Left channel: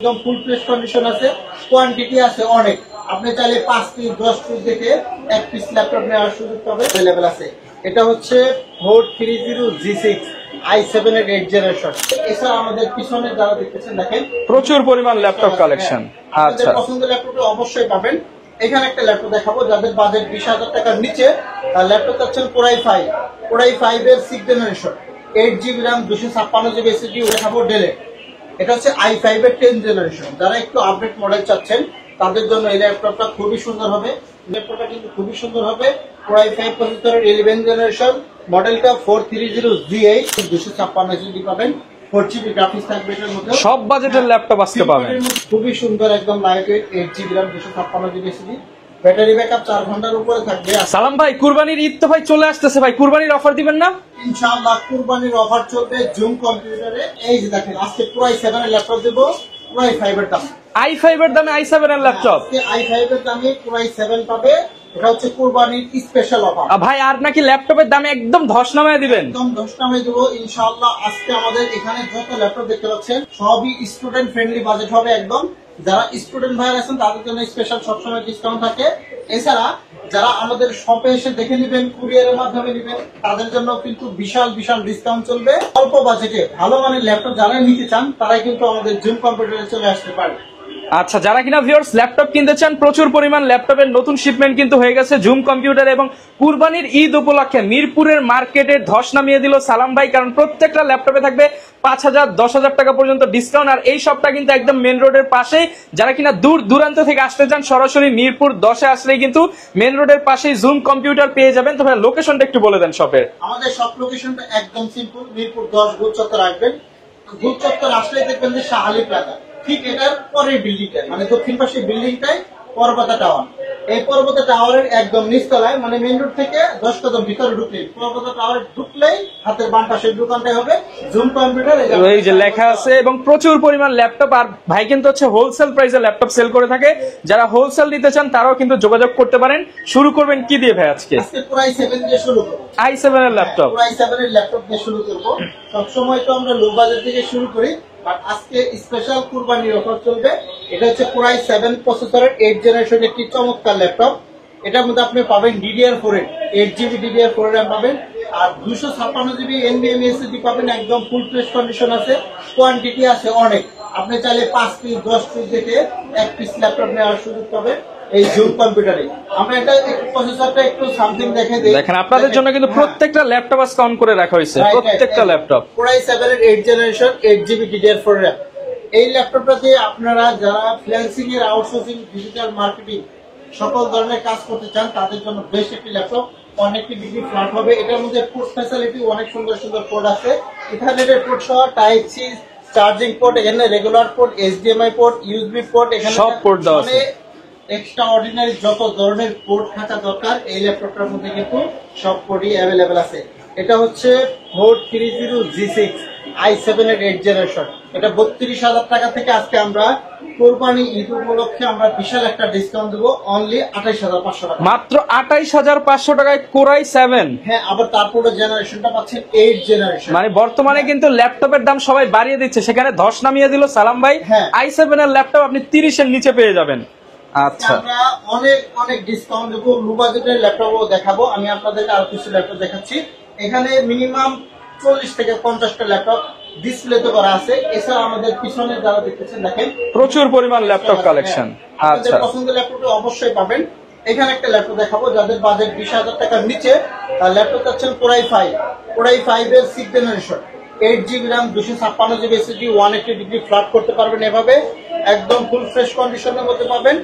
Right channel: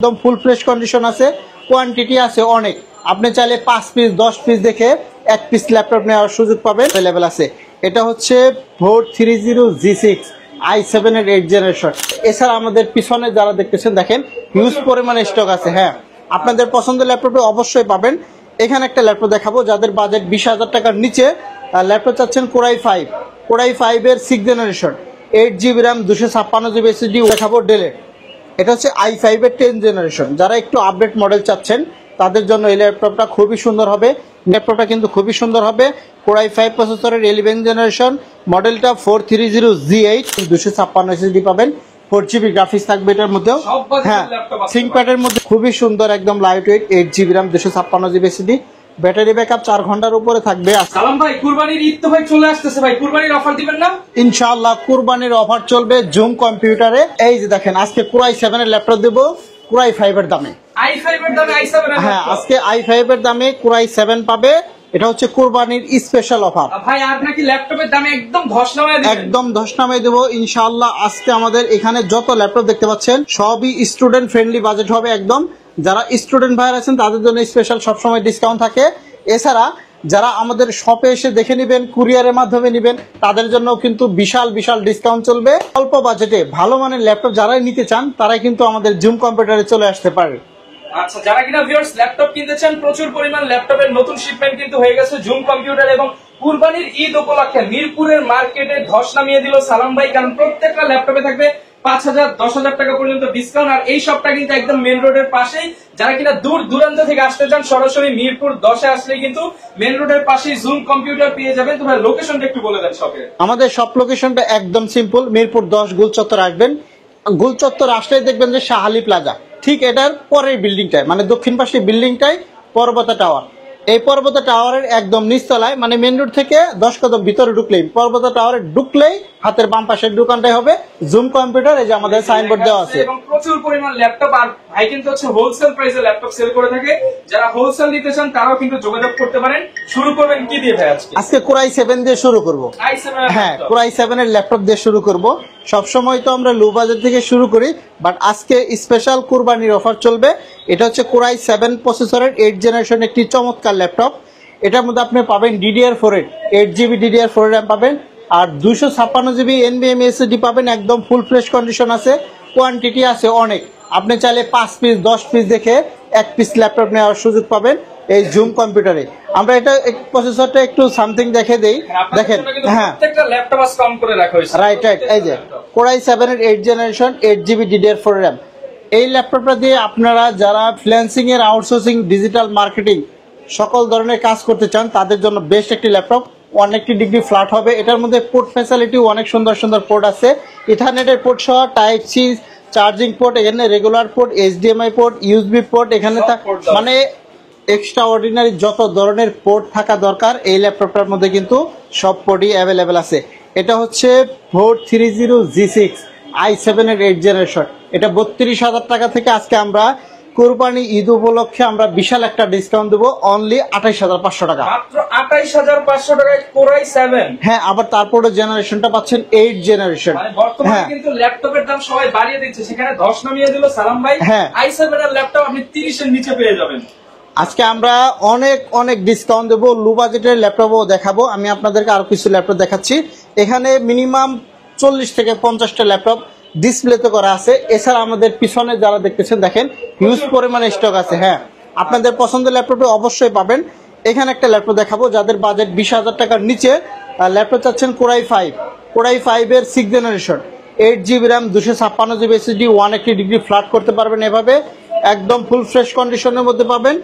একদম full fresh condition আছে, quantity আছে অনেক। আপনি চাইলে 5 পিস 10 পিস দেখে এক পিস ল্যাপটপ নেওয়ার সুযোগ পাবেন, अवेलेबल আছে। এটা হচ্ছে 430G6 i7 এর 8th জেনারেশন। এছাড়া আমাদের পিছনে যারা দেখতেছেন দেখেন প্রচুর পরিমাণে স্টক আছে। হ্যাঁ, আপনাদের পছন্দের ল্যাপটপে অবশ্যই পাবেন। এখানে একটা ল্যাপটপ দেখাবো যাদের বাজেট 20,000 টাকার নিচে, ল্যাপটপ চাচ্ছেন Core i5 এর 6th generation, 8GB RAM 256GB SSD দেখাবো ডেলে। এটা হচ্ছে i5 এর 10th জেনারেশন। যারা একটু আপডেট মডেল চাচ্ছেন তাদের জন্য এই ল্যাপটপটা খুবই সুন্দর হবে। ল্যাপটপটা কিন্তু খুবই সুন্দর হবে। Core i5 প্রসেসরের 11th জেনারেশন, মডেলটা 430G8, 256 SSD পাবেন, 4GB গ্রাফিক্স থাকবে এটার মধ্যে। সব বাজেটের ল্যাপটপ আছে ThinkPad-এর মধ্যে খুবই সুন্দর, একদম light weight, 8GB RAM 256GB SSD, battery backup 4 ঘন্টার উপরে থাকবে। সালাম ভাই, কুরবানির ঈদ তো ভাই চলে আসতেছে, ভাই কুরবানির অফার দিবেন না? ইনশাআল্লাহ কুরবানির অফার চলবে জুম কম্পিউটারে। এই যে দেখেন আজকে Core i7 এর ল্যাপটপ দেব Core i5 এর দামে। i5 এর দামে i7 এর ল্যাপটপ আজকে i5 এর দামে Core i7 পাবে। এটা হচ্ছে কুরবানির স্পেশাল অফার। ভাই আর নাকি ল্যাপটপের দামে একদম ধস নামিয়ে দিবেন? একদম ধস নামিয়ে দেব ইনশাআল্লাহ। আজকে আমাদের এখানে যত ল্যাপটপ দেখতে পাচ্ছেন সবই স্টুডেন্ট ফ্রেন্ডলি বাজেট হবে একদম। যারা স্টুডেন্ট ভাইরা আছেন তাদের জন্য স্পেশাল সবসময় ডিসকাউন্ট থাকে। এছাড়া যারা আমাদের শপে এসে দেখে নেবেন, কুরিয়ারের মাধ্যমে নেবেন, তাদের জন্য কিন্তু বিশাল বিশাল ডিসকাউন্ট চলবে। অল্প বাজেটে ভালো মানের ল্যাপটপ যারা নিতে চান তারাই কিন্তু আমাদের জুম কম্পিউটারে চলে আসতে পারে। আচ্ছা, যারা কিনা ভিউয়ার্স ল্যাপটপ কিনতে চান, প্রচুর পরিমাণ ল্যাপটপের নতুন শিপমেন্ট কিন্তু হয়ে গেছে জুম কম্পিউটার, এবং কুরবানির ঈদ উপলক্ষে মিরপুরের মার্কেটে ধস নামিয়ে দিল সালাম ভাই। কারণ প্রত্যেকটা ল্যাপটপে থাকবে 5,000 10,000 টাকা পর্যন্ত ডিসকাউন্ট। আর এই শপটা কিন্তু একদম মেন রোডের পাশেই। যারা কিনা দূর দূরান্ত থেকে আসতে চান সরাসরি মিরপুর 10-এ আসলেই কিন্তু মেন রোডের পাশেই জুম কম্পিউটার পেয়ে যাবেন। তবে লোকেশনটা একটু বলে দেন শপের। আমাদের শপ লোকেশনটা একদম সিম্পল, মিরপুর 10 গুলচত্বর আসবেন। গুলচত্বর আসলেই দেখবেন যে শাহ আলী প্লাজা, ঠিক এটার পরের বিল্ডিংটায়, মানে দক্ষিণ পাশের বিল্ডিংটাই পর্বতা টাওয়ার। এই পর্বতা টাওয়ারের একদম নিচতলায়, মানে মেইন রোড থেকে 10 কদম ভিতরে ঢুকলেই, পর্বতা টাওয়ারে ঢুকলেই হাতের বাম পাশের দোকানটাই হবে জুম কম্পিউটার। এই যে আমাদের সাইনবোর্ড দেওয়া আছে এবং প্রচুর পরিমাণ ল্যাপটপ। আর ভাই কিন্তু হচ্ছে হোলসেল প্রাইসে ল্যাপটপ সেল করে থাকে। যারা হোলসেল নিতে চান তারাও কিন্তু যোগাযোগ করতে পারেন। শুরু করবেন কি দিয়ে ভাই? আজকে Core i7 দিয়ে শুরু করব। i7 এর ল্যাপটপ, Core i7 এর ল্যাপটপ দিয়ে শুরু করব। সব সময় তো আমরা লো বাজেট থেকে শুরু করি, বাট আজকে স্পেশাল কুরবানির অফার চলবে। এটা হচ্ছে Core i7 প্রসেসরের 8th জেনারেশন একটি চমৎকার ল্যাপটপ। এটার মধ্যে আপনি পাবেন DDR4 এর 8GB DDR4 RAM পাবেন, আর 256GB NVMe SSD পাবেন। একদম ফুল ফ্রেশ কন্ডিশন আছে, কোয়ান্টিটি আছে অনেক। আপনি চাইলে 5 পিস 10 পিস দেখে এক পিস ল্যাপটপ নেওয়ার সুযোগ পাবেন এই জুম কম্পিউটারে। আমরা এটা প্রসেসরটা একটু সামথিং দেখে দেই। দেখেন আপনাদের জন্য কিন্তু প্রত্যেকটা ল্যাপটপ আজ কম করে রাখা হয়েছে, প্রত্যেকটা ল্যাপটপ। Core i7 এর 8th generation 8GB DDR4 RAM। এই ল্যাপটপটা দিয়ে আপনারা যারা ফ্রিল্যান্সিং এর, আউটসোর্সিং, ডিজিটাল মার্কেটিং সকল ধরনের কাজ করতে চান তাদের জন্য বেস্ট একটি ল্যাপটপ। অনেকটি ডিগ্রি ফ্ল্যাট হবে। এটার মধ্যে পোর্ট ফ্যাসিলিটি অনেক সুন্দর সুন্দর পোর্ট আছে, ইথারনেটের পোর্ট সহ, টাইপ সি চার্জিং পোর্ট, এখানে regular port, HDMI port, USB port, এখানে মানে এক্সট্রা অর্ডিনারি যত ধরনের পোর্ট থাকা দরকার এই ল্যাপটপটার মধ্যে কিন্তু সব পোর্টই অ্যাভেলেবেল আছে। এটা হচ্ছে 430G6 i7 এর 8th জেনারেশন। এটা 32,000 টাকা থেকে আজকে আমরা কুরবানি ঈদ উপলক্ষে আমরা বিশাল একটা ডিসকাউন্ট দেবো, অনলি 28,500 টাকা। মাত্র 28,500 টাকায় Core i7। হ্যাঁ, আবার তারপরে জেনারেশনটা পাচ্ছেন 8th জেনারেশন। মানে বর্তমানে কিন্তু ল্যাপটপের দাম সবাই বাড়িয়ে দিচ্ছে, সেখানে ধস নামিয়ে দিল সালাম ভাই। i7 এর ল্যাপটপ আপনি 30 এর নিচে পেয়ে যাবেন। আজকে আমরা অনেক অনেক ডিসকাউন্ট দেবো, লো বাজেটের ল্যাপটপও দেখাবো। আমি আপনাদেরকে আর কিছু ল্যাপটপ দেখাচ্ছি। এখানে মিনিমাম 40 থেকে 50টা ল্যাপটপ ডিসপ্লেতে করা আছে। এছাড়া আমাদের পিছনে যারা দেখতেছেন দেখেন প্রচুর পরিমাণে স্টক আছে। হ্যাঁ, আপনাদের পছন্দের ল্যাপটপে অবশ্যই পাবেন। এখানে একটা ল্যাপটপ দেখাবো যাদের বাজেট 20,000 টাকার নিচে, ল্যাপটপ চাচ্ছেন Core i5 এর 6th generation, 8GB RAM 256GB SSD, 180 degree flat করতে পারবেন এভাবে। একদম ফুল ফ্রেশ কন্ডিশনের মধ্যে পাবেন।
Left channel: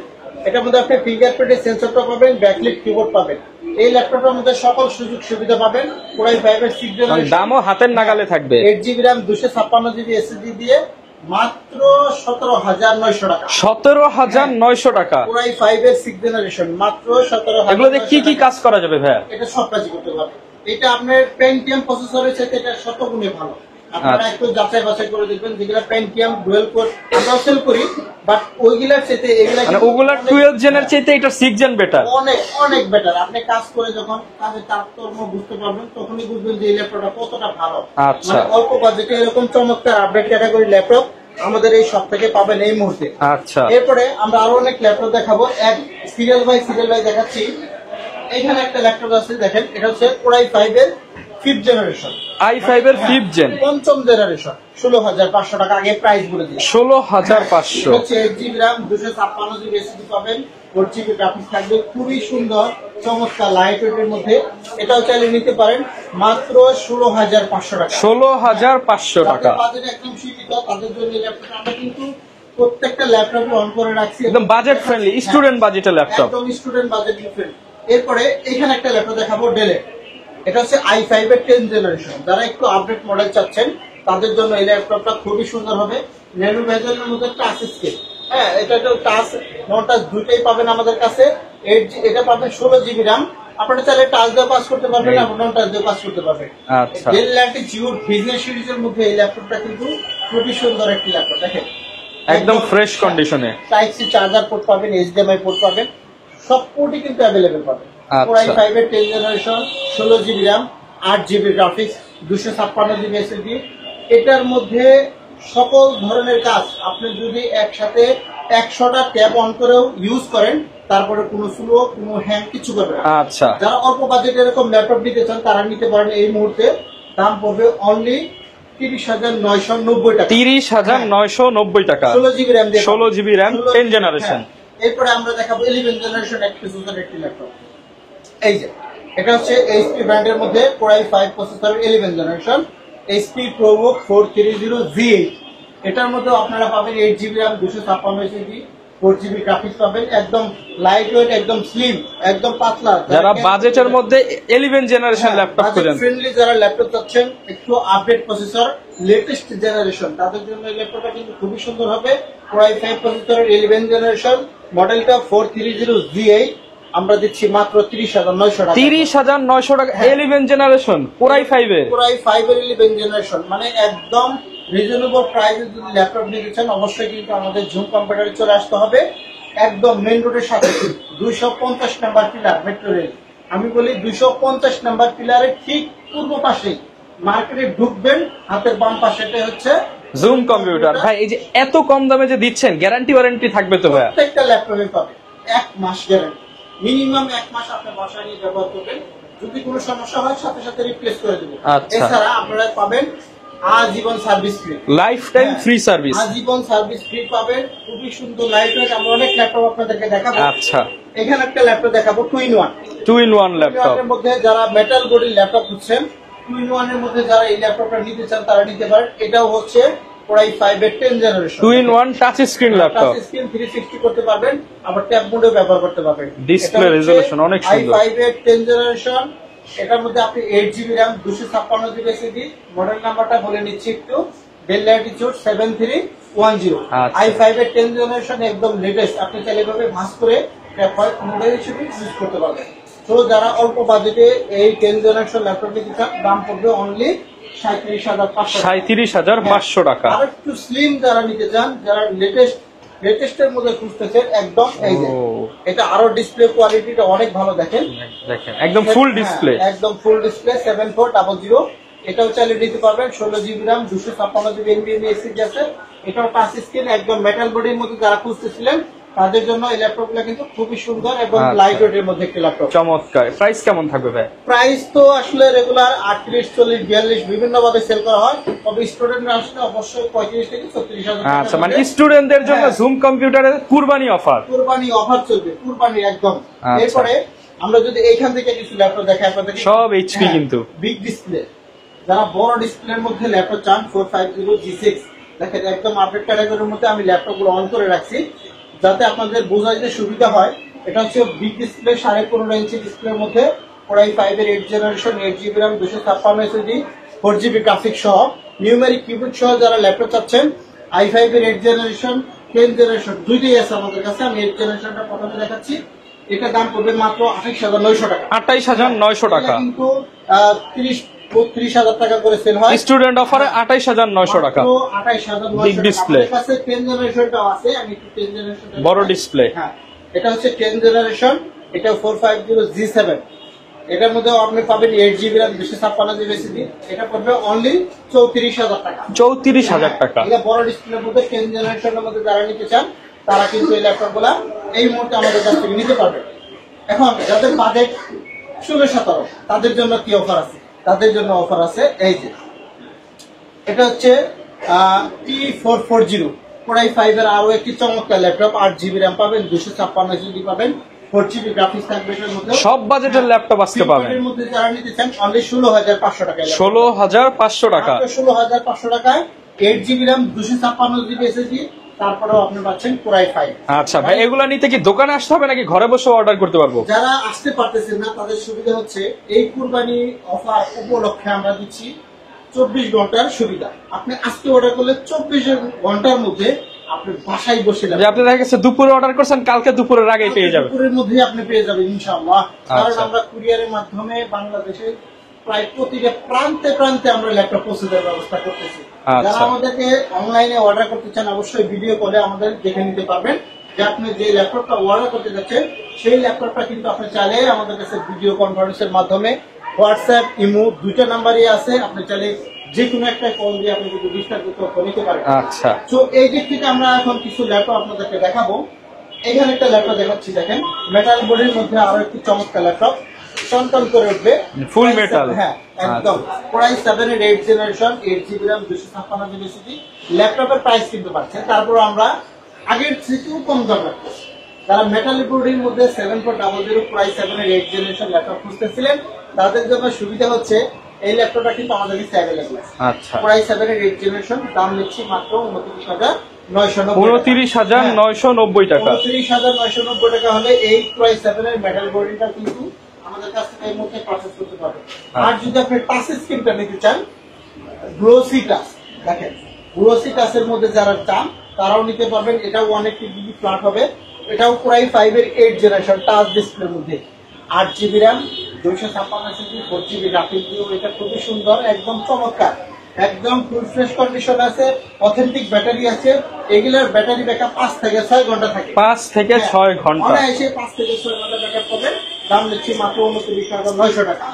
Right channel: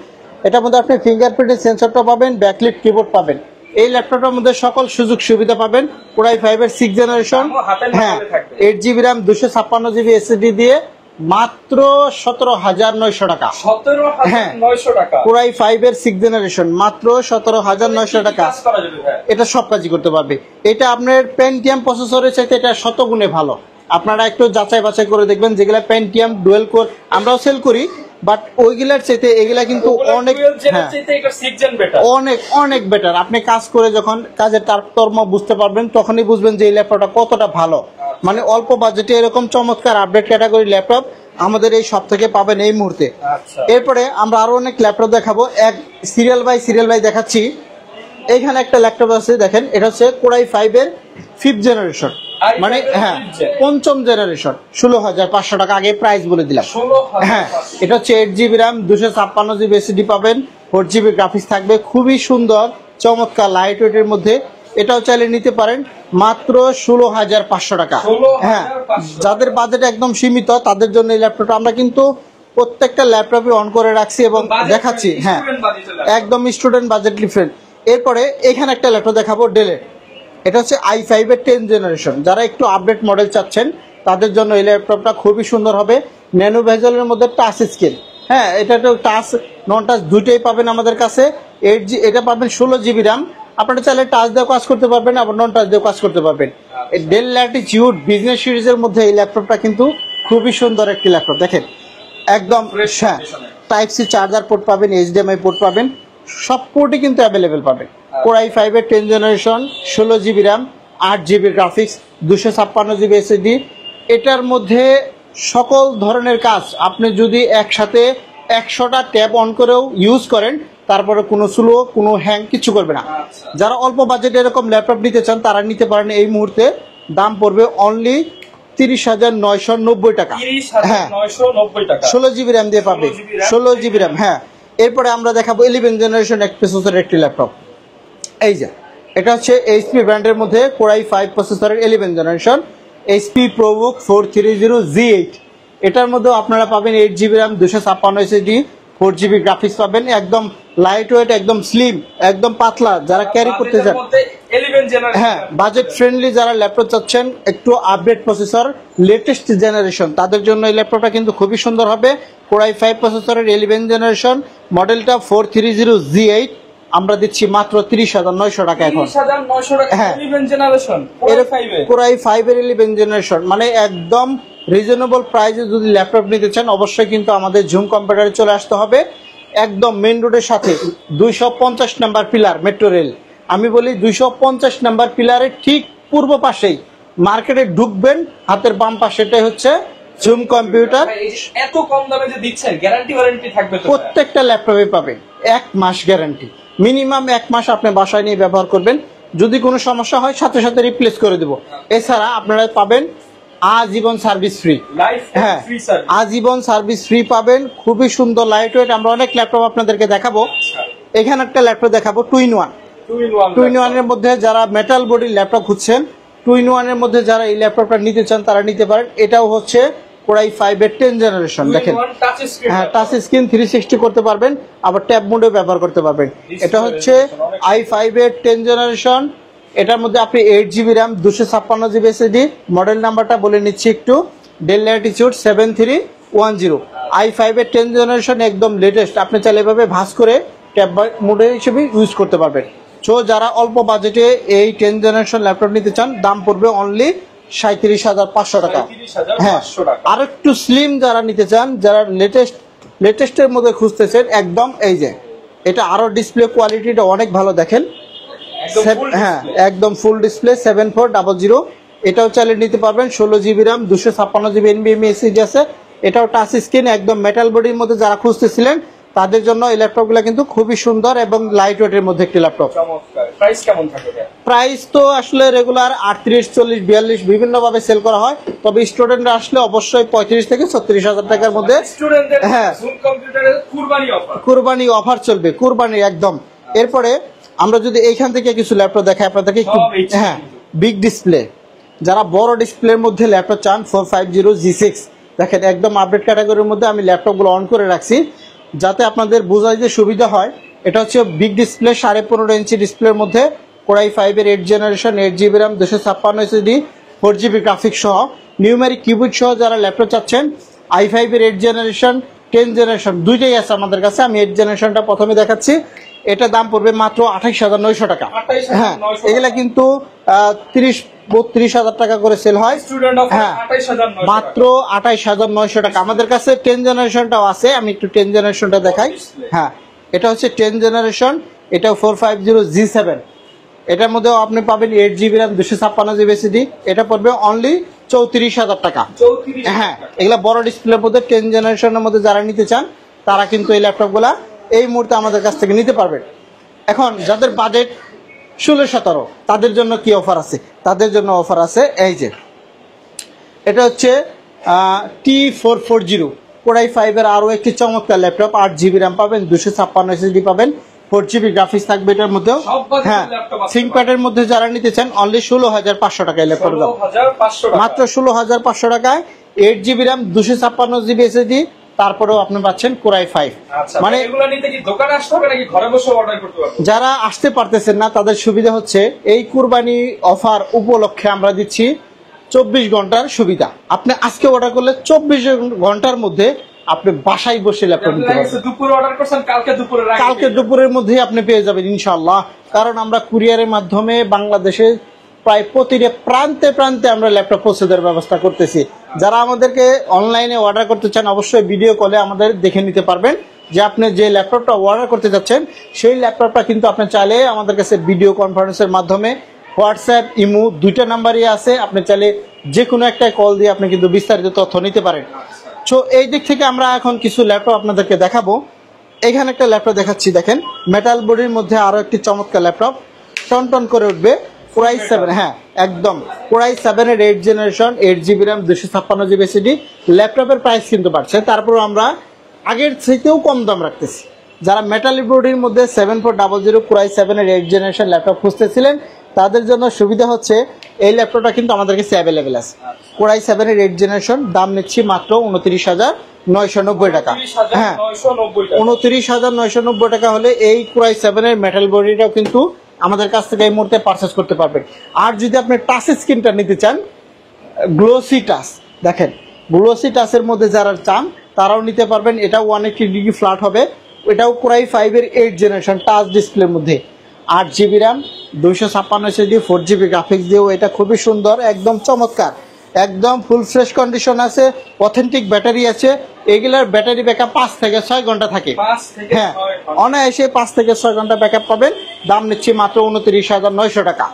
এটার মধ্যে আপনি ফিঙ্গারপ্রিন্টের সেন্সরটা পাবেন, ব্যাকলাইট কিবোর্ড পাবেন। এই ল্যাপটপের মধ্যে সকল সুযোগ সুবিধা পাবেন। Core i5 এর 6th জেনারেশন, হাতের নাগালে থাকবে, 8GB RAM 256GB SSD দিয়ে মাত্র 17,900 টাকা। 17,900 টাকা। Core i5 এর 6th জেনারেশন মাত্র 17,900 টাকা। কি কাজ করা যাবে ভাই? এটা সব কাজই করতে পারবে। এটা আপনার পেন্টিয়াম প্রসেসরের চাইতে এটা শতগুণে ভালো। আপনারা একটু যাচাই বাছাই করে দেখবেন, যেগুলা পেন্টিয়াম ডুয়েল কোর আমরাও সেল করি, বাট ওইগুলার চাইতে এগুলা কিন্তু অনেক 12 জেনের চাইতে এটা 6 জেন বেটার, অনেক অনেক বেটার। আপনি কাজ করে যখন কাজের তারতম্য বুঝতে পারবেন তখনই বুঝবেন যে এই ল্যাপটপটা কতটা ভালো। মানে অল্প বাজেটে এরকম চমৎকার আপডেট ক্যাটাগরি ল্যাপটপ আমাদের এই সব থেকে পাবেন এই মুহূর্তে। আচ্ছা, এরপরে আমরা আরো অনেক ল্যাপটপ দেখাবো, এক সিরিয়াল বাই দেখাচ্ছি। এইখানে একটা ল্যাপটপ আছে, দেখেন এটা হচ্ছে কোরাই 5 এর 5th জেনারেশন, i5 এর 5th জেন, পঞ্চম জেনারেশন, 16,500 টাকা আগে প্রাইস বলে দিলাম। 16,500। এটা হচ্ছে 8GB RAM, 256GB SSD পাবেন, 4GB গ্রাফিক্স থাকবে, খুবই সুন্দর চমৎকার লাইট ওয়েটের মধ্যে। এটাও চাইলে নিতে পারেন মাত্র 16,500 টাকা। 16,500 টাকা। যাদের বাজেট একদম সীমিত তাদের জন্য এই ল্যাপটপটা আমরা কিন্তু প্রত্যেকটা ল্যাপটপে অন করে রাখছি এবং দেখাচ্ছি স্টুডেন্ট বাজেটের ল্যাপটপ, একদম স্টুডেন্ট বাজেট ডিফারেন্ট। এরপরে এখানে একটা ল্যাপটপ দেখাবো ডেলের, এটা হচ্ছে i5 এর 10th জেনারেশন। যারা একটু আপডেট মডেল চাচ্ছেন তাদের জন্য এই ল্যাপটপটা খুবই সুন্দর হবে। ন্যানো ভেজেলের মধ্যে টাচ স্ক্রিন, হ্যাঁ এটা টাচ নন টাচ দুইটাই পাবেন আমাদের কাছে। এটা পাবেন 16GB RAM, আপনারা চাইলে টাচ দিয়ে কাজ করতে পারবেন আর নন টাচ দিয়ে কাজ করতে পারবেন। ডেল ল্যাটিটিউড বিজনেস সিরিজের মধ্যে এই ল্যাপটপটা কিন্তু খুবই সুন্দর একটি ল্যাপটপ, দেখেন একদম ফ্রেশ কন্ডিশনে। টাইপ সি চার্জার পোর্ট পাবেন, HDMI পোর্ট পাবেন, সব পোর্টই কিন্তু অ্যাভেলেবেল পাবেন। কোরাই 5 এর 10th generation, 16GB RAM, 8GB graphics, 256GB SSD। এটার মধ্যে সকল ধরনের কাজ আপনি যদি একসাথে 100টা ট্যাব অন করেও ইউজ করেন তারপরে কোনো স্লো কোনো হ্যাং কিছু করবে না। আচ্ছা, যারা অল্প বাজেটে এরকম ল্যাপটপ নিতে চান তারা নিতে পারেন। এই মুহূর্তে দাম পড়বে অনলি 30,990 টাকা। 30,990 টাকা, 16GB RAM দিয়ে 16GB RAM, 16GB RAM। হ্যাঁ, এরপরে আমরা দেখাবো 11th জেনারেশন এক প্রসেসরের একটি ল্যাপটপ। এই যে এটা হচ্ছে HP ব্র্যান্ডের মধ্যে কোরাই 5 প্রসেসরের 11th generation, HP ProBook 430Z8। এটার মধ্যে আপনারা পাবেন 8GB RAM, 256 SSD, 4GB graphics পাবেন, একদম লাইট ওয়েট, একদম স্লিম, একদম পাতলা। যারা বাজেটের মধ্যে 11th generation laptop, budget friendly যারা ল্যাপটপ চাচ্ছেন একটু আপডেট প্রসেসর লেটেস্ট জেনারেশন তাদের জন্য এই ল্যাপটপটা কিন্তু খুবই সুন্দর হবে। কোরাই 5 প্রসেসরের 11th জেনারেশন, মডেলটা 430Z8, আমরা দিচ্ছি মাত্র 30,900 টাকা। 30,900 টাকা 11th জেনারেশন কোরাই 5 এর, কোরাই 5 এর 11th জেনারেশন, মানে একদম রিজনেবল প্রাইসে যদি ল্যাপটপ নিতে চান অবশ্যই কিন্তু আমাদের জুম কম্পিউটারে চলে আসতে হবে। একদম মেইন রোডের সাথে 250 নাম্বার পিলার মেট্রো রেল, আমি বলি 250 নাম্বার পিলারের ঠিক পূর্ব পাশেই মার্কেটে ঢুকবেন, হাতের বাম পাশেটাই হচ্ছে জুম কম্পিউটার। এই যে এত কম দামে যে দিচ্ছেন, গ্যারান্টি ওয়ারেন্টি থাকবে তো? প্রত্যেকটা ল্যাপটপে পাবেন 1 মাস গ্যারান্টি, মিনিমাম 1 মাস আপনি বাসায় নিয়ে ব্যবহার করবেন, যদি কোনো সমস্যা হয় সাথে সাথে রিপ্লেস করে দেব। এছাড়া আপনারা পাবেন আজীবন service free, life time free service, আজীবন সার্ভিস ফ্রি পাবেন। খুবই সুন্দর লাইট ওয়েট, আমরা অনেক ল্যাপটপ আপনাদেরকে দেখাবো। আচ্ছা, এখানে একটা ল্যাপটপ দেখাবো 2-in-1। 2-in-1 এর মধ্যে যারা মেটাল বডির ল্যাপটপ খুঁজছেন, 2-in-1 এর মধ্যে যারা এই ল্যাপটপটা নিতে চান তারা নিতে পারেন। এটাও হচ্ছে কোরাই 5 এর 10th generation, 2-in-1 touch screen laptop, touch screen 360 করতে পারবেন, আবার ট্যাব মোডে ব্যবহার করতে পারবেন। এটা হচ্ছে i5 এর 10th জেনারেশন, এটার মধ্যে আপনি 8GB RAM, 256GB SSD, model নাম্বারটা বলে নিচ্ছি একটু, ডেল ল্যাটিটিউড 7310। i5 এর 10th জেনারেশন একদম লেটেস্ট, আপনি চাইলে এভাবে ভাঁজ করে ট্যাব মোডের হিসেবে ইউজ করতে পারবেন। সো যারা অল্প বাজেটে এই 10th জেনারেশন ল্যাপটপ নিতে চান দাম পড়বে অনলি 37,500 টাকা। 37,500 টাকা। আর একটু স্লিম যারা নিতে চান, যারা লেটেস্টের মধ্যে খুঁজতেছেন, একদম এই যে এটা আরো ডিসপ্লে কোয়ালিটিটা অনেক ভালো, দেখেন একদম ফুল ডিসপ্লে, একদম ফুল ডিসপ্লে 7400। এটাও চাইলে নিতে পারবেন, 16GB RAM, 256GB NVMe SSD আছে, এটাও টাচ স্ক্রিন, একদম মেটাল বডির মধ্যে যারা খুঁজতেছিলেন তাদের জন্য এই ল্যাপটপগুলো কিন্তু খুবই সুন্দর এবং লাইট ওয়েটের মধ্যে একটি ল্যাপটপ। চমৎকার। প্রাইস কেমন থাকবে ভাই? প্রাইস তো আসলে রেগুলার 38, 40, 42 বিভিন্ন ভাবে সেল করা হয়, তবে স্টুডেন্টরা আসলে অবশ্যই 35 থেকে 36,000 টাকার মধ্যে। স্টুডেন্টদের জন্য জুম কম্পিউটারের কুরবানি অফার, কুরবানি অফার চলবে, কুরবানি একদম। এরপরে আমরা যদি এইখান থেকে কিছু ল্যাপটপ দেখাই আপনাদেরকে, সব এইচপি কিন্তু বিগ ডিসপ্লে, যারা বড় ডিসপ্লের মধ্যে ল্যাপটপ চান 450G6, দেখেন একদম আপডেট ক্যাটাগরির মধ্যে আমি ল্যাপটপগুলো অন করে রাখছি যাতে আপনাদের বোঝাইতে সুবিধা হয়। এটা হচ্ছে বিগ ডিসপ্লে 15.5 ইঞ্চি ডিসপ্লের মধ্যে কোরাই 5 এর 8th generation, 8GB RAM, 256 SSD, 4GB graphics সহ, নিউমেরিক কিবোর্ড সহ যারা ল্যাপটপ চাচ্ছেন, i5 এর 8th জেনারেশন, 10th জেনারেশন দুইটাই আছে আমাদের কাছে। আমি 8th জেনারেশনটা প্রথমে দেখাচ্ছি, এটা দাম পড়বে মাত্র 28,900 টাকা। 28,900 টাকা, এগুলা কিন্তু 30-32,000 টাকা করে সেল হয়। স্টুডেন্ট অফারে 28,900 টাকা, মাত্র 28,900 টাকা। আমাদের কাছে 10 জেনারেশনটাও আছে, আমি একটু 10 জেনারেশনটা দেখাই। ডিসপ্লে, হ্যাঁ এটা হচ্ছে 10 জেনারেশন, এটা 450G7, এটার মধ্যে আপনি পাবেন 8GB RAM 256GB SSD, এটা পড়বে অনলি 34,000 টাকা। 34,000 টাকা। এগুলা বড় ডিসপ্লের মধ্যে 10 জেনারেশনের মধ্যে যারা নিতে চান তারা কিন্তু এই ল্যাপটপগুলা এই মুহূর্তে আমাদের কাছ থেকে নিতে পারবেন। এখন যাদের বাজেট 16-17 তাদের জন্য কি অফার আছে? তাদের জন্য অফার আছে এই যে এটা হচ্ছে T440 Core i5 এর আরো একটি চমৎকার ল্যাপটপ। 8GB RAM পাবেন, 256 SSD পাবেন, 4GB গ্রাফিক্স থাকবে এটার মধ্যে। সব বাজেটের ল্যাপটপ আসতে পারে। ThinkPad এর মধ্যে যারা নিতে চান অনলি 16,500 টাকায় ল্যাপটপ। 16,500 টাকা, মাত্র 16,500 টাকায় 8GB RAM 256GB SSD, তারপরেও আপনি পাচ্ছেন Core i5। আচ্ছা, মানে এগুলা নিতে কি দোকানে আসতে হবে নাকি ঘরে বসে অর্ডার করতে পারবো? যারা আসতে পারতেছেন না তাদের সুবিধা হচ্ছে এই কুরবানি অফার উপলক্ষে আমরা দিচ্ছি 24 ঘন্টার সুবিধা। আপনি আজকে অর্ডার করলে 24 ঘন্টার মধ্যে আপনি বাসায় বসে আপনি দেখেন দুপুরে অর্ডার করছেন, কালকে দুপুরের আগে কালকে দুপুরের মধ্যেই আপনি পেয়ে যাবেন ইনশাআল্লাহ। কারণ আমরা কুরিয়ারের মাধ্যমে বাংলাদেশে প্রায় প্রতিটা প্রান্তে প্রান্তে আমরা ল্যাপটপ পৌঁছে দেওয়ার ব্যবস্থা করতেছি। যারা আমাদেরকে অনলাইনে অর্ডার করতে চান অবশ্যই ভিডিও কলে আমাদের দেখে নিতে পারবেন যে আপনি যে ল্যাপটপটা অর্ডার করতে যাচ্ছেন সেই ল্যাপটপটা কিন্তু আপনি চাইলে আমাদের কাছে ভিডিও কনফারেন্সের মাধ্যমে হোয়াটসঅ্যাপ ইমো দুইটা নাম্বারই আছে, আপনি চাইলে যে কোনো একটা কল দিয়ে আপনি কিন্তু বিস্তারিত তথ্য নিতে পারেন। আচ্ছা, তো এই দিক থেকে আমরা এখন কিছু ল্যাপটপ আপনাদেরকে দেখাবো। এখানে একটা ল্যাপটপ দেখাচ্ছি, দেখেন মেটাল বডির মধ্যে আরো একটি চমৎকার ল্যাপটপ, টনটন করে উঠবে। হ্যাঁ একদম Core i7 এর 8 generation, 8GB RAM 256GB SSD। ল্যাপটপের প্রাইস কিন্তু বাড়ছে, তারপর আমরা আগের থেকেও কম দাম রাখতেছি। যারা মেটাল বডির মধ্যে 7400 Core i7 এর 8 জেনারেশন ল্যাপটপ খুঁজতেছিলেন তাদের জন্য সুবিধা হচ্ছে এই ল্যাপটপটা কিন্তু আমাদের কাছে অ্যাভেলেবেল আছে। Core i7 এর 8 জেনারেশন, দাম নিচ্ছি মাত্র 29,990 টাকা। 29,990 টাকা হলে এই Core i7 এর মেটাল বডিটা কিন্তু আমাদের কাছ থেকে এই মুহূর্তে পারচেজ করতে পারবেন। আর যদি আপনি টাচ স্ক্রিনটা নিতে চান, গ্লোসি টাচ, দেখেন গ্লোসি টাচের মধ্যে যারা চান তারাও নিতে পারবেন। এটাও 180 ডিগ্রি ফ্ল্যাট হবে, এটাও Core i5 এর 8 জেনারেশন টাচ ডিসপ্লের মধ্যে, 8GB RAM 256 SSD 4GB graphics দিয়েও এটা খুবই সুন্দর, একদম চমৎকার, একদম ফুল ফ্রেশ কন্ডিশন আছে, অথেন্টিক ব্যাটারি আছে। এগুলোর ব্যাটারি ব্যাকআপ 5 থেকে 6 ঘন্টা থাকে। 5 থেকে 6 ঘন্টা অনায়াসে 5 থেকে 6 ঘন্টা ব্যাকআপ পাবেন। দাম নিচ্ছি মাত্র 29,900 টাকা।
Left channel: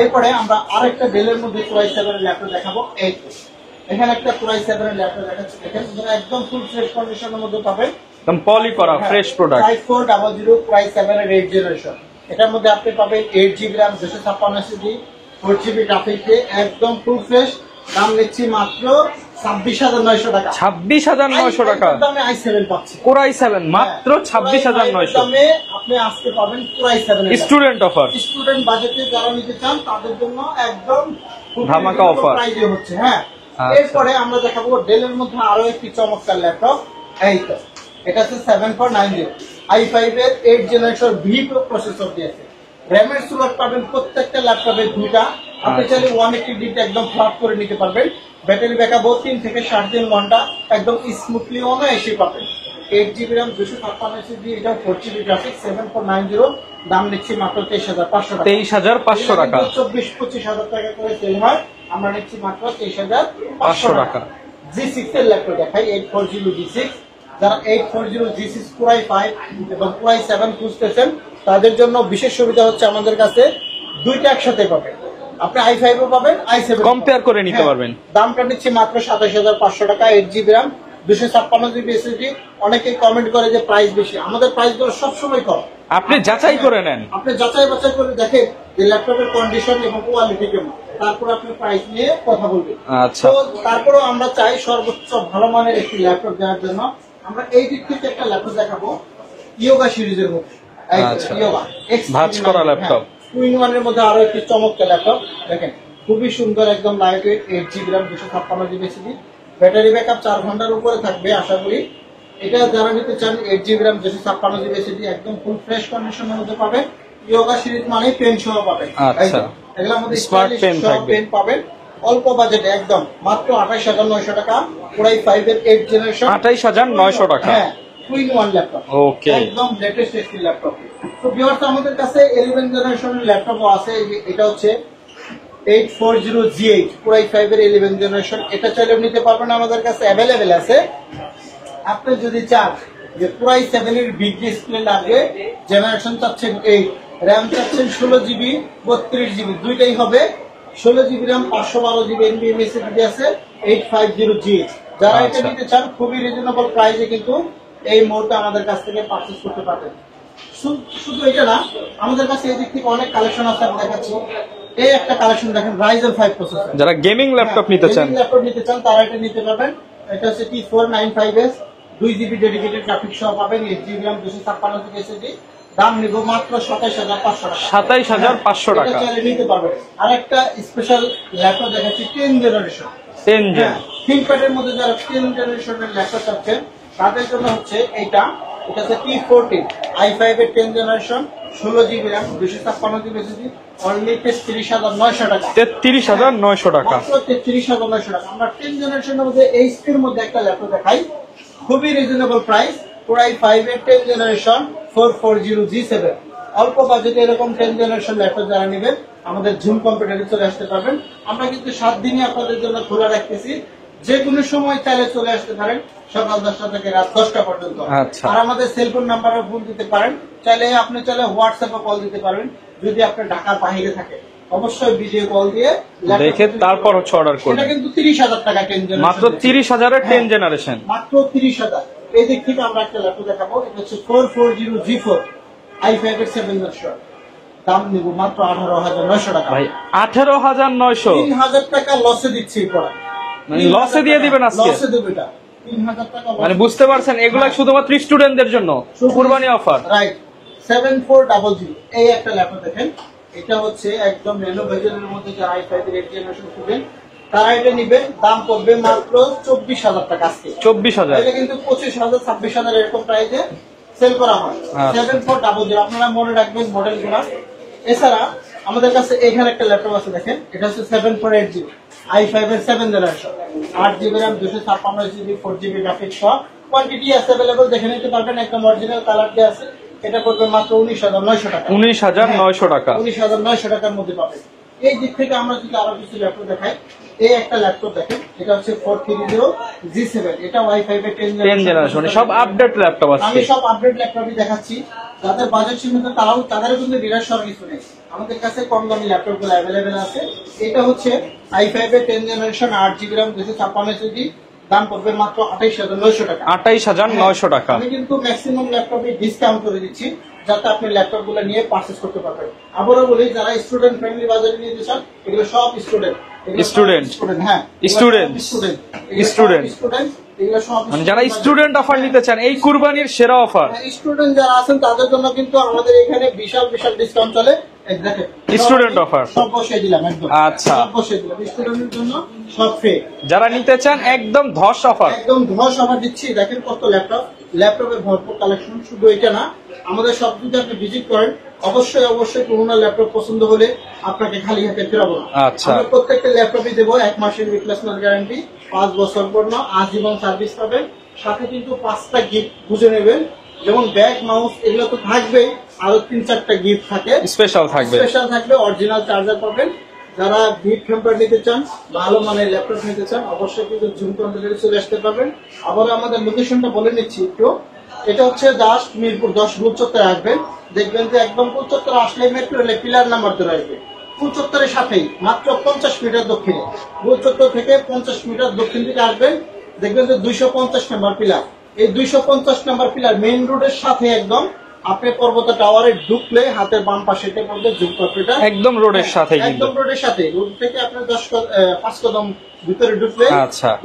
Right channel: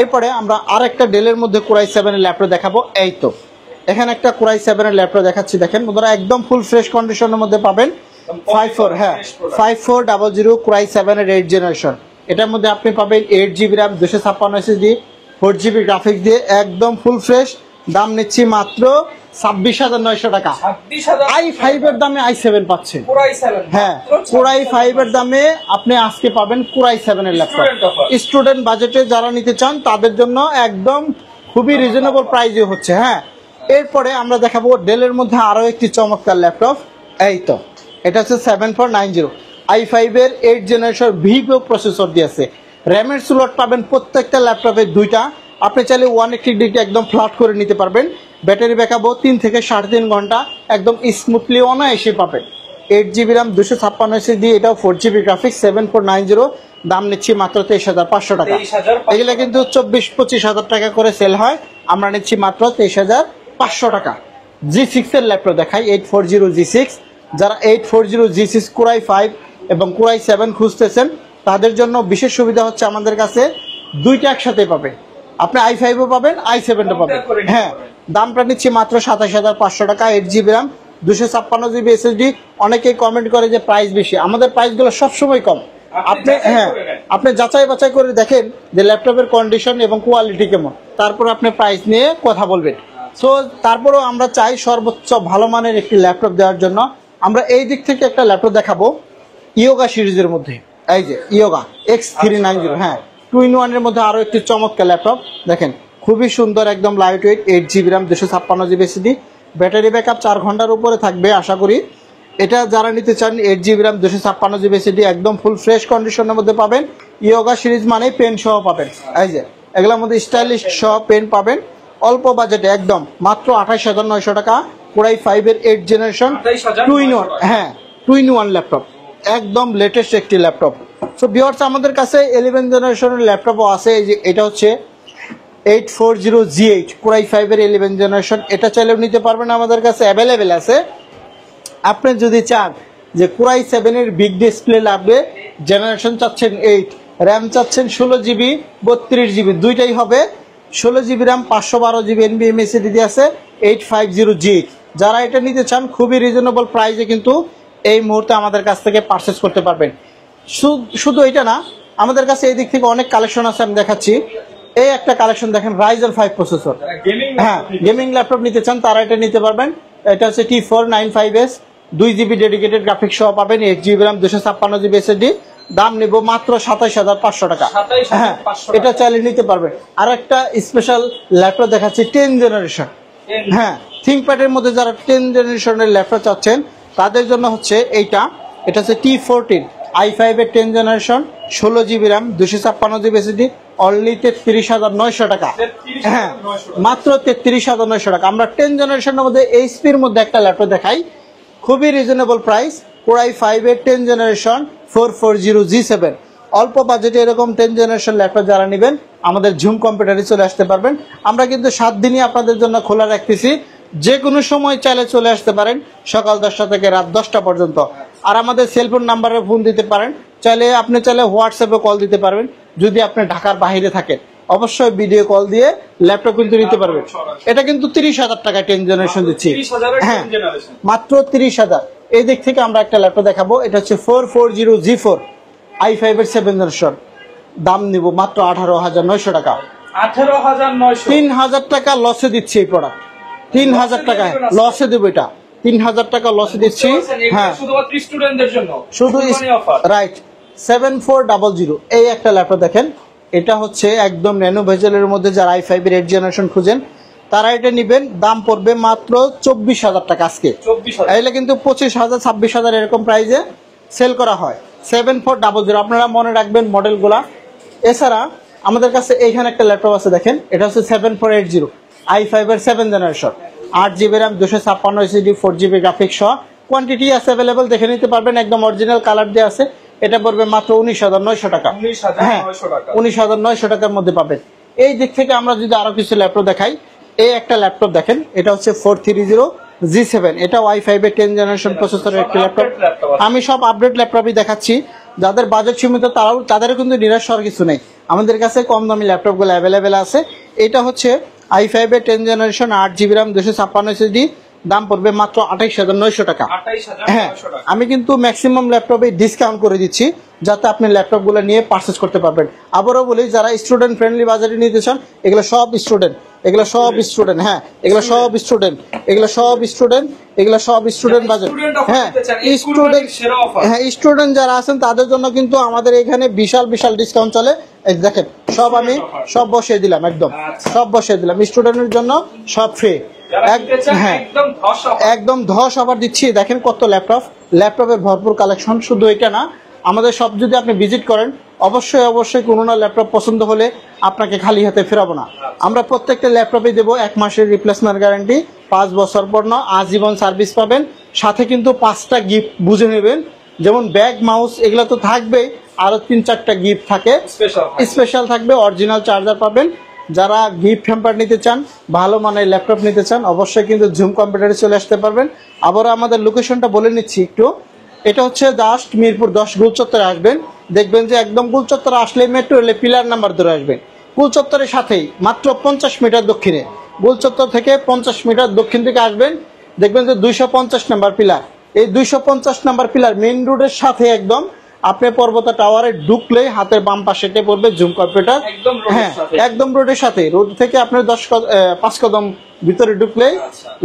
এরপরে আমরা আরেকটা ডেলের মধ্যে Core i7 এর ল্যাপটপ দেখাবো। এই তো এখানে একটা Core i7 এর ল্যাপটপ দেখাচ্ছি, দেখেন বন্ধুরা একদম ফুল ফ্রেশ কন্ডিশনের মধ্যে পাবেন। 5400 Core i7 এর 8 জেনারেশন, এটার মধ্যে আপনি পাবেন 8GB RAM 256 SSD 4GB graphics দিয়ে, একদম ফুল ফ্রেশ। দাম নিচ্ছি মাত্র 26,900 টাকা। 26,900 টাকা দামে i7 পাচ্ছেন। Core i7 মাত্র 26,900 এর দামে আপনি আজকে পাবেন Core i7 এর স্টুডেন্ট অফার। স্টুডেন্ট বাজেটে যারা নিতে চান তাদের জন্য একদম খুবই রিজনেবল প্রাইসে হচ্ছে। হ্যাঁ, এরপরে আমরা দেখাবো ডেলের মধ্যে আরো একটি চমৎকার ল্যাপটপ। এই তো এটা হচ্ছে 7490 i5 এর 8 জেনারেশন ভিভো প্রসেসর দিয়েছে। র্যামের স্লট পাবেন প্রত্যেকটা ল্যাপটপে দুইটা, আপনি চাইলে 180 ডিগ্রি একদম ফ্ল্যাট করে নিতে পারবেন। ব্যাটারি ব্যাকআপও 3 থেকে 3.5 ঘন্টা একদম স্মুথলি অনায়াসে পাবেন। 8GB RAM 256 SSD, এটা 4GB গ্রাফিক্স 7490, দাম নিচ্ছি মাত্র 23,500 টাকা। 23,500 টাকা কিন্তু 24-25,000 টাকা করে সেল হয়, আমরা নিচ্ছি মাত্র 23,500 টাকা। G6 এর ল্যাপটপ দেখাই, 840 G6। যারা 840 G6 Core i5 এবং Core i7 খুঁজতেছেন তাদের জন্য বিশেষ সুবিধা হচ্ছে আমাদের কাছে দুইটা একসাথে পাবেন। আপনি i5 ও পাবেন, i7 ও কম্পেয়ার করে নিতে পারবেন। দামটা নিচ্ছে মাত্র 27,500 টাকা। 8GB RAM 256GB SSD। অনেকেই কমেন্ট করে যে প্রাইস বেশি, আমাদের প্রাইসগুলো সবসময় কম। আপনি যাচাই করে নেন, আপনি যাচাই বাছাই করে দেখেন যে ল্যাপটপের কন্ডিশন এবং কোয়ালিটি কেমন, তারপর আপনি প্রাইস নিয়ে কথা বলবেন। তো তারপরেও আমরা চাই সর্বোচ্চ ভালো মানের একটি ল্যাপটপ দেওয়ার জন্য আমরা এই দিক থেকে একটা ল্যাপটপ দেখাবো ইয়োগা সিরিজের মধ্যে। এই যে ইয়োগা X390, হ্যাঁ 2-in-1 এর মধ্যে আরো একটি চমৎকার ল্যাপটপ দেখেন, খুবই সুন্দর, একদম light weight, 8GB RAM 256GB SSD, battery backup 4 ঘন্টার উপরে থাকবে আশা করি। এটা যারা নিতে চান 8GB RAM 256GB SSD একদম ফুল ফ্রেশ কন্ডিশনের মধ্যে পাবেন। ইয়োগা সিরিজ মানে পেন সহ পাবেন, এগুলোর মধ্যে স্টাইলিশ সহ পেন পাবেন অল্প বাজেটে একদম মাত্র 28,900 টাকা। Core i5 এর 8 জেনারেশন 28,900 টাকা। হ্যাঁ 2-in-1 ল্যাপটপ, একদম লেটেস্ট একটি ল্যাপটপ। সো ভিউয়ার্স আমাদের কাছে 11 জেনারেশনের ল্যাপটপও আছে। এই যে এটা হচ্ছে 840 G8 Core i5 এর 11 জেনারেশন, এটা চাইলেও নিতে পারবেন, আমাদের কাছে অ্যাভেলেবেল আছে। আপনি যদি চান যে Core i7 এর বিগ ডিসপ্লে লাগবে, জেনারেশন চাচ্ছেন 8, র্যাম চাচ্ছেন 16GB 32GB দুইটাই হবে। 16GB RAM 512GB NVMe SSD আছে 850G। যারা এটা নিতে চান খুবই রিজনেবল প্রাইসে কিন্তু এই মুহূর্তে আমাদের কাছ থেকে পারচেজ করতে পারবেন। শুধু এটা না, আমাদের কাছে এই দিক থেকে অনেক কালেকশন আছে, আমি দেখাচ্ছি। এই একটা কালেকশন দেখেন, Ryzen 5 প্রসেসর। যারা গেমিং ল্যাপটপ নিতে চান তারা এটা নিতে পারবেন। এটা হচ্ছে T495S 2GB ডেডিকেটেড গ্রাফিক্স সহ পাবেন, 8GB র্যাম 256GB SSD। দাম নিব মাত্র 27500 টাকা। 27500 টাকা। এটা চাইলে নিতে পারবেন। আর একটা স্পেশাল ল্যাপটপ দেখাচ্ছি 10 জেনারেশন। হ্যাঁ, থিংকপ্যাডের মধ্যে যারা 10 জেনারেশনের ল্যাপটপ চাচ্ছেন তাদের জন্য হচ্ছে এটা হচ্ছে T14 i5 এর 10 generation, 16GB RAM 256GB SSD, only 33900 টাকা। 33900 টাকা, মাত্র 33900 টাকা। আমরা 10 জেনারেশনের মধ্যে এইচপির মধ্যে একটা ল্যাপটপ দেখাই, খুবই রিজনেবল প্রাইস। Core i5 এর 10 জেনারেশন 440G7। অল্প বাজেটে এরকম 10 জেনারেশন ল্যাপটপ যারা নেবেন আমাদের ঝুম কম্পিউটারে চলে আসতে পারবেন। আমরা কিন্তু 7 দিনই আপনাদের জন্য খোলা রাখতেছি, যে কোনো সময় চাইলে চলে আসতে পারেন, সকাল 10টা থেকে রাত 10টা পর্যন্ত। আর আমাদের সেলফোন নাম্বারে ফোন দিতে পারেন, আপনি চাইলে হোয়াটসঅ্যাপে কল দিতে পারবেন। যদি আপনি ঢাকার বাইরে থাকেন অবশ্যই ভিডিও কল দিয়ে ল্যাপটপ কিন্তু নিতে পারবেন। এটা কিন্তু 30000 টাকা 10 জেনারেশন, মাত্র 30000 এর 10 জেনারেশন, মাত্র 30000। এই দিক থেকে আমরা একটা ল্যাপটপ দেখাবো, এটা হচ্ছে 440G4 i5 এর 7 জেনারেশন। দাম নিব মাত্র 18900 টাকা। 18900, 3000 টাকা লসে দিচ্ছি এই প্রোডাক্ট। 3000 টাকা লসে দেব, এটা 3000 টাকা লস দিচ্ছি। বুঝতে পারছেন, এগুলো শুধুমাত্র স্টুডেন্টদের জন্য কুরবানি অফার। রাইট, 7400। এই একটা ল্যাপটপ দেখেন, এটা হচ্ছে একদম ন্যানো ভেজেলের মধ্যে যারা i5 এর 8 জেনারেশন খুঁজেন তারা এটা নেবেন। দাম পড়বে মাত্র 24000 টাকা আজকে। 24000, এগুলো কিন্তু 25000 26000 এরকম প্রাইসে সেল করা হয়। 7400, আপনারা মনে রাখবেন মডেলগুলা। এছাড়া আমাদের কাছে এখানে একটা ল্যাপটপ আছে দেখেন, এটা হচ্ছে 7480 i5 এর 7 generation, 8GB RAM 256 SSD 4GB graphics সহ। কোয়ান্টিটি আছে अवेलेबल, দেখে নিতে পারবেন, একদম অরিজিনাল কালার দিয়ে আছে। এটা পড়বে মাত্র 19900 টাকা। 19900 টাকা, 19900 টাকার মধ্যে পাবেন। এই দিক থেকে আমরা যদি আরো কিছু ল্যাপটপ দেখাই, এই একটা ল্যাপটপ দেখেন, এটা হচ্ছে 430G7। এটা i5 এর 10 জেনারেশন প্রসেসর। আমি সব আপডেট ল্যাপটপই দেখাচ্ছি। যাদের বাজেট সীমিত তাদের কিন্তু নিরাশ হওয়ার কিছু নেই, আমাদের কাছে কম দামি ল্যাপটপগুলো অ্যাভেলেবেল আছে। এটা হচ্ছে i5 এর 10 জেনারেশন, 8GB র্যাম 256 SSD। দাম পড়বে মাত্র 28900 টাকা। 28900 টাকা। আমি কিন্তু ম্যাক্সিমাম ল্যাপটপে ডিসকাউন্ট করে দিচ্ছি যাতে আপনি ল্যাপটপগুলো নিয়ে পারচেজ করতে পারবেন। আবারও বলি, যারা স্টুডেন্ট ফ্রেন্ডলি বাজারে নিতে চান, এগুলো সব স্টুডেন্ট, এগুলো সব স্টুডেন্ট। হ্যাঁ, এগুলো সব স্টুডেন্ট, এগুলো সব স্টুডেন্ট, এগুলো সব স্টুডেন্ট অফার নিতে চান, এই কুরবানির সেরা অফার। হ্যাঁ, স্টুডেন্ট যারা আছেন তাদের জন্য কিন্তু আমাদের এখানে বিশাল ডিসকাউন্ট চলে। স্টুডেন্ট অফার সব বসিয়ে দিলাম, একদম সব বসিয়ে দিলাম। স্টুডেন্টের জন্য সব ফ্রি, যারা নিতে চান একদম ধস অফার, একদম ধস অফার দিচ্ছি। দেখেন কত ল্যাপটপের ভরপুর কালেকশন। শুধু এটা না, আমাদের সব যদি আপনি ভিজিট করেন অবশ্যই কোনো না ল্যাপটপ পছন্দ হলে আপনাকে খালি হাতে ফেরাবো না। আমরা প্রত্যেকটা ল্যাপটপে দেবো 1 মাসের রিপ্লেসমেন্ট গ্যারান্টি, 5 বছর পর না আজীবন সার্ভিস পাবেন। সাথে কিন্তু 5টা গিফট বুঝে নেবেন, যেমন ব্যাগ, মাউস এগুলো তো থাকবেই, আরো 3-4টা গিফট থাকে, স্পেশাল থাকবে। অরিজিনাল চার্জার পাবেন। যারা গিফট হ্যাম্পার নিতে চান, ভালো মানের ল্যাপটপ নিতে চান, অবশ্যই কিন্তু ঝুম কম্পিউটারে চলে আসতে পারবেন। আবার আমাদের লোকেশনটা বলে নিচ্ছি একটু। এটা হচ্ছে জাস্ট মিরপুর 10 গোল চত্বরে আসবেন, দেখবেন যে একদম গোল চত্বরে আসলে মেট্রো রেলে পিলার নাম্বার ধরে আসবেন। গোল চত্বরের সাথেই মাত্র 50 মিটার দক্ষিণে, গোল চত্বর থেকে 50 মিটার দক্ষিণ থেকে আসবেন, দেখবেন যে 250 নাম্বার পিলার। এই 250 নাম্বার পিলার মেইন রোডের সাথে একদম আপনি পর্বত টাওয়ারে ঢুকলে হাতের বাম পাশে পড়বে ঝুম কম্পিউটার, একদম রোডের সাথে, একদম রোডের সাথে। রোড থেকে আপনার 5 কদম ভিতরে ঢুকলে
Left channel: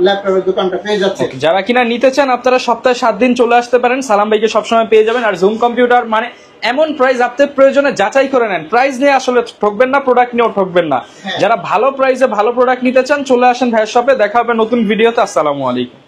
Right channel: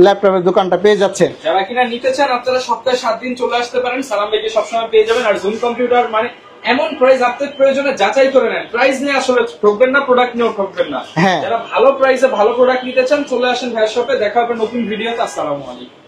ল্যাপটপের দোকানটা পেয়ে যাচ্ছে। যারা কিনা নিতে চান আপনারা সপ্তাহে 7 দিন চলে আসতে পারেন, সালাম ভাইকে সবসময় পেয়ে যাবেন। আর ঝুম কম্পিউটার মানে এমন প্রাইস, আপনার প্রয়োজনে যাচাই করে নেন, প্রাইস নিয়ে আসলে ঠকবেন না, প্রোডাক্ট নিয়েও ঠকবেন না। যারা ভালো প্রাইসে ভালো প্রোডাক্ট নিতে চান চলে আসেন ভাইয়ের শপে। দেখা হবে নতুন ভিডিওতে। আসসালামু আলাইকুম।